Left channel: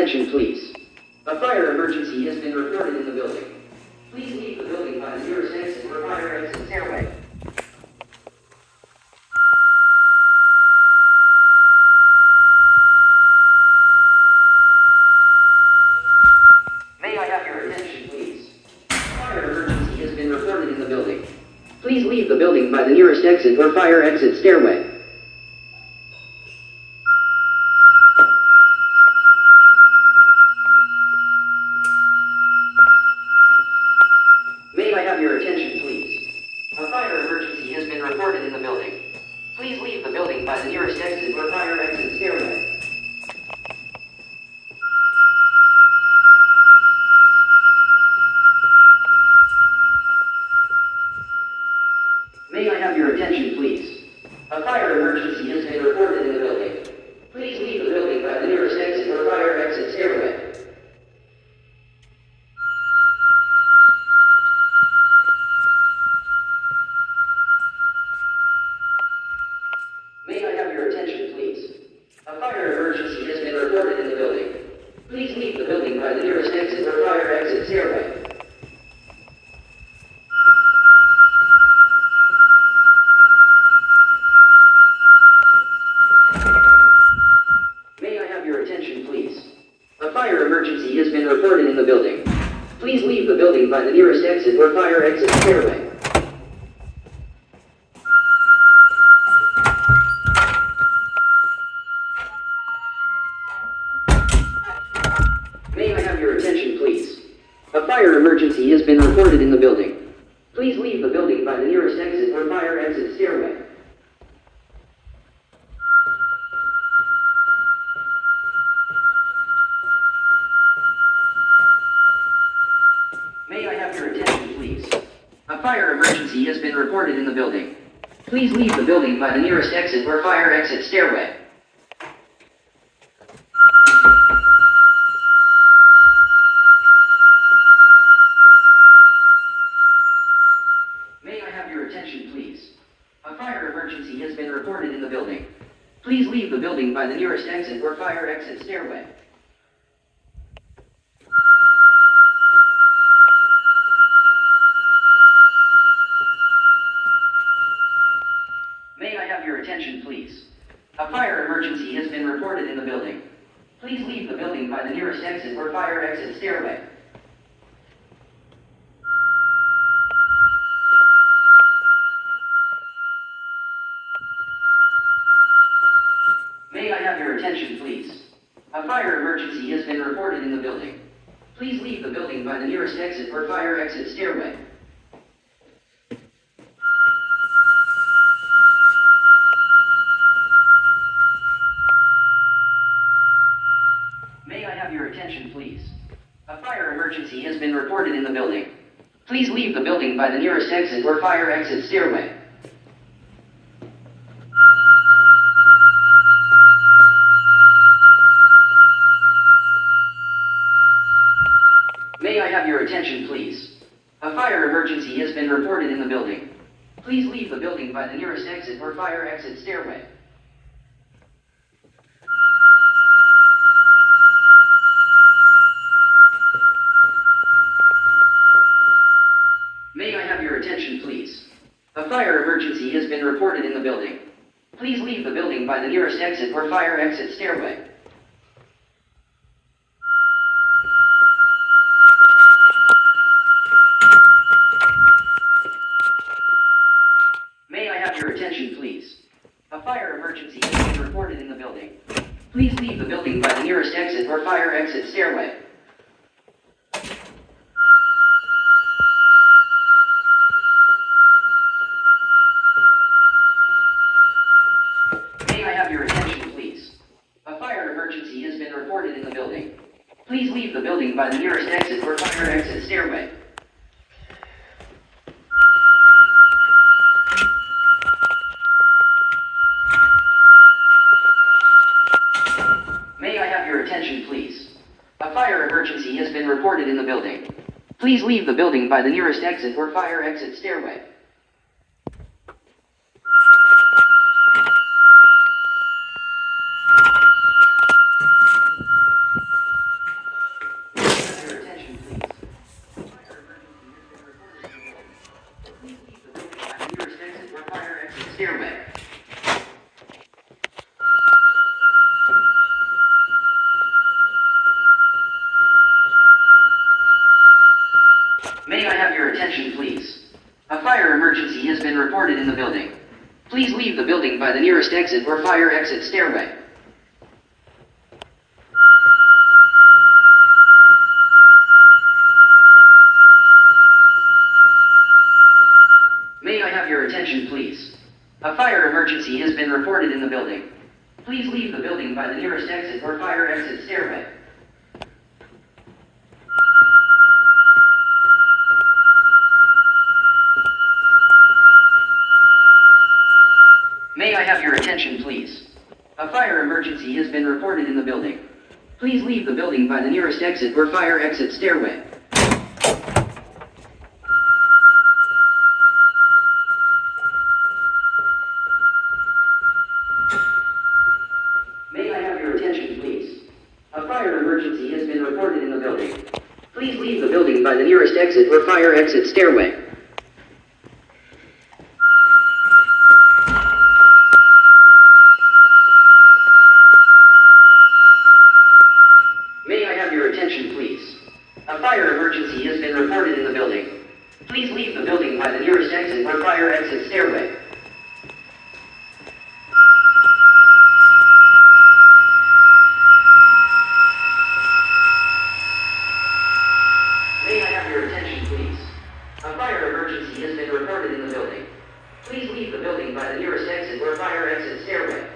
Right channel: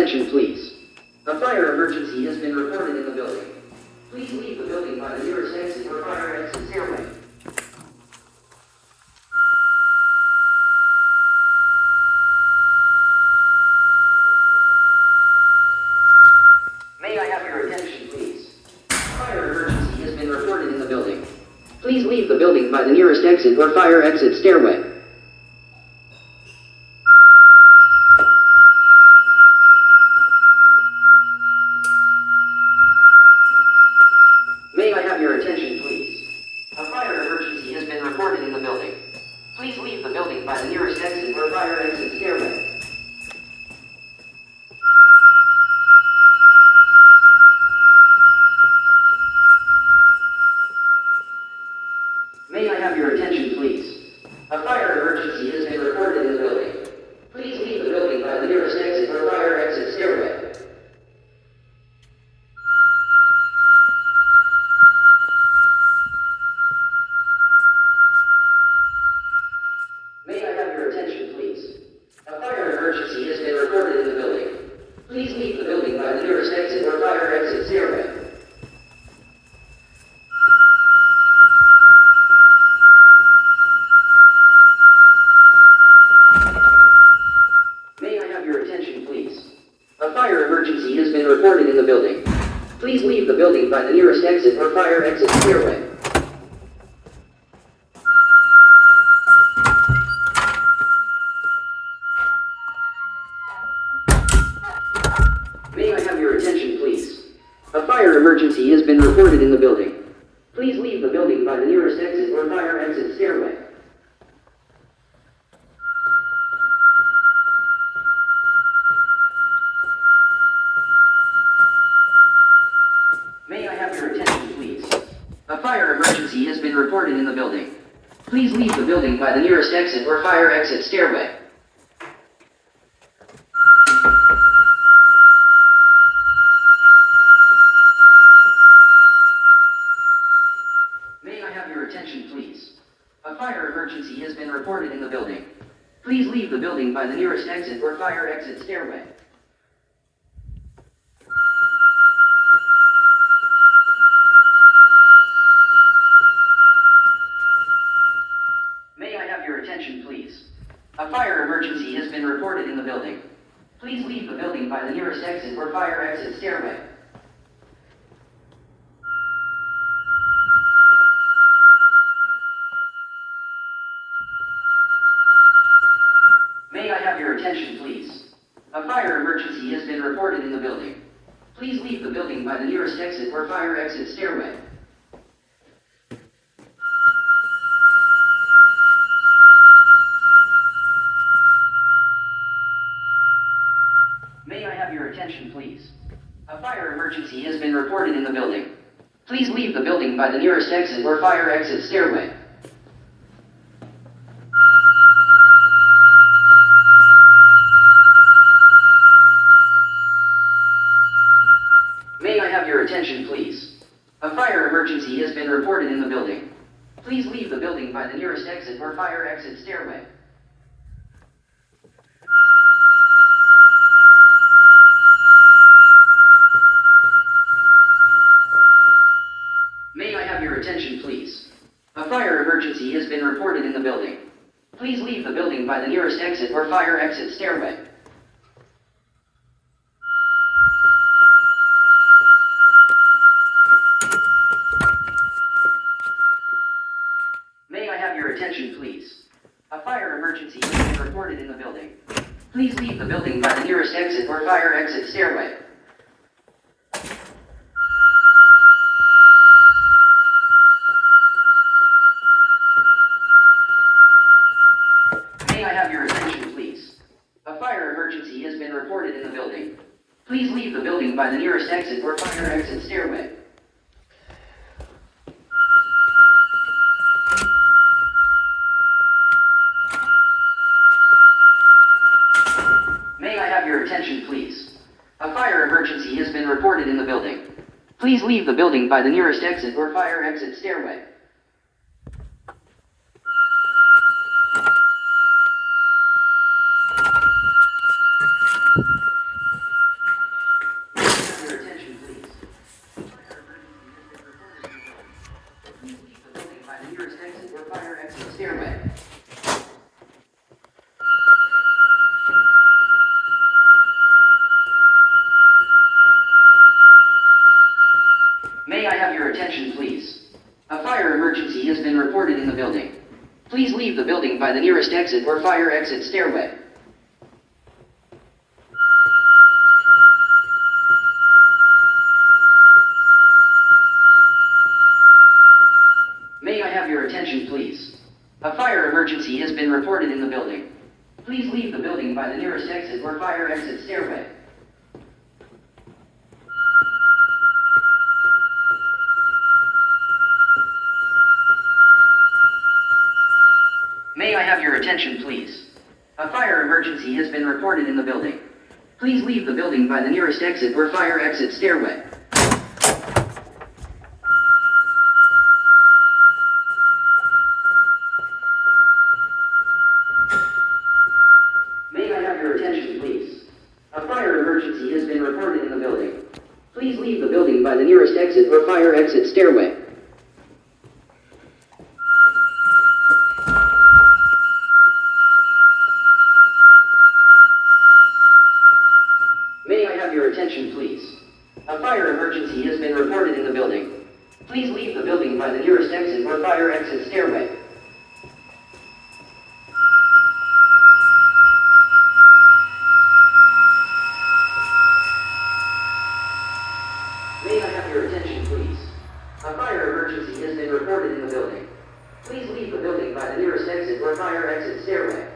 attention, please. A fire emergency has been reported in the building. Please leave the building by the nearest exit or fire exit stairway. May I have your attention, please? A fire emergency has been reported in the building. Please leave the building by the nearest exit or fire exit stairway. May I have your attention, please? A fire emergency has been reported in the building. Please leave the building by the nearest exit or fire exit stairway. May I have your attention, please? A fire emergency has been reported in the building. Please leave the building by the nearest exit or fire exit stairway. May I have your attention, please? A fire emergency has been reported in the building. Please leave the building by the nearest exit or fire exit stairway. May I have your attention, please? A fire emergency has been reported in the building. Please leave the building by the nearest exit or fire exit stairway. May I have your attention, please? A fire emergency has been reported in the building. Please leave the building by the nearest exit or fire exit stairway. May I have your attention, please? A fire emergency has been reported in the building. Please leave the building by the nearest exit or fire exit stairway. May I have your attention, please? A fire emergency has been reported in the building. Please leave the building by the nearest exit or fire exit stairway. May I have your attention, please? A fire emergency has been reported in the building. Please leave the building by the nearest exit or fire exit stairway. May I have your attention, please? A fire emergency has been reported in the building. Please leave the building by the nearest exit or fire exit stairway. May I have your attention, please? A fire emergency has been reported in the building. Please leave the building by the nearest exit or fire exit stairway. May I have your attention, please? A fire emergency has been reported in the building. Please leave the building by the nearest exit or fire exit stairway. May I have your attention, please? A fire emergency has been reported in the building. Please leave the building by the nearest exit or fire exit stairway. May I have your attention, please? A fire emergency has been reported in the building. Please leave the building by the nearest exit or fire exit stairway. May I have your attention, please? A fire emergency has been reported in the building. Please leave the building by the nearest exit or fire exit stairway. May I have your attention, please? A fire emergency has been reported in the building. Please leave the building by the nearest exit or fire exit stairway. May I have your attention, please? A fire emergency has been reported in the building. Please leave the building by the nearest exit or fire exit stairway. May I have your attention, please? A fire emergency has been reported in the building. Please leave the building by the nearest exit or fire exit stairway. May I have your attention, please? A fire emergency has been reported in the building. Please leave the building by the nearest exit or fire exit stairway. May I have your attention, please? A fire emergency has been reported in the building. Please leave the building by the nearest exit or fire exit stairway. May I have your attention, please? A fire emergency has been reported in the building. Please leave the building by the nearest exit or fire exit stairway. May I have your attention, please? A fire emergency has been reported in the building. Please leave the building by the nearest exit or fire exit stairway.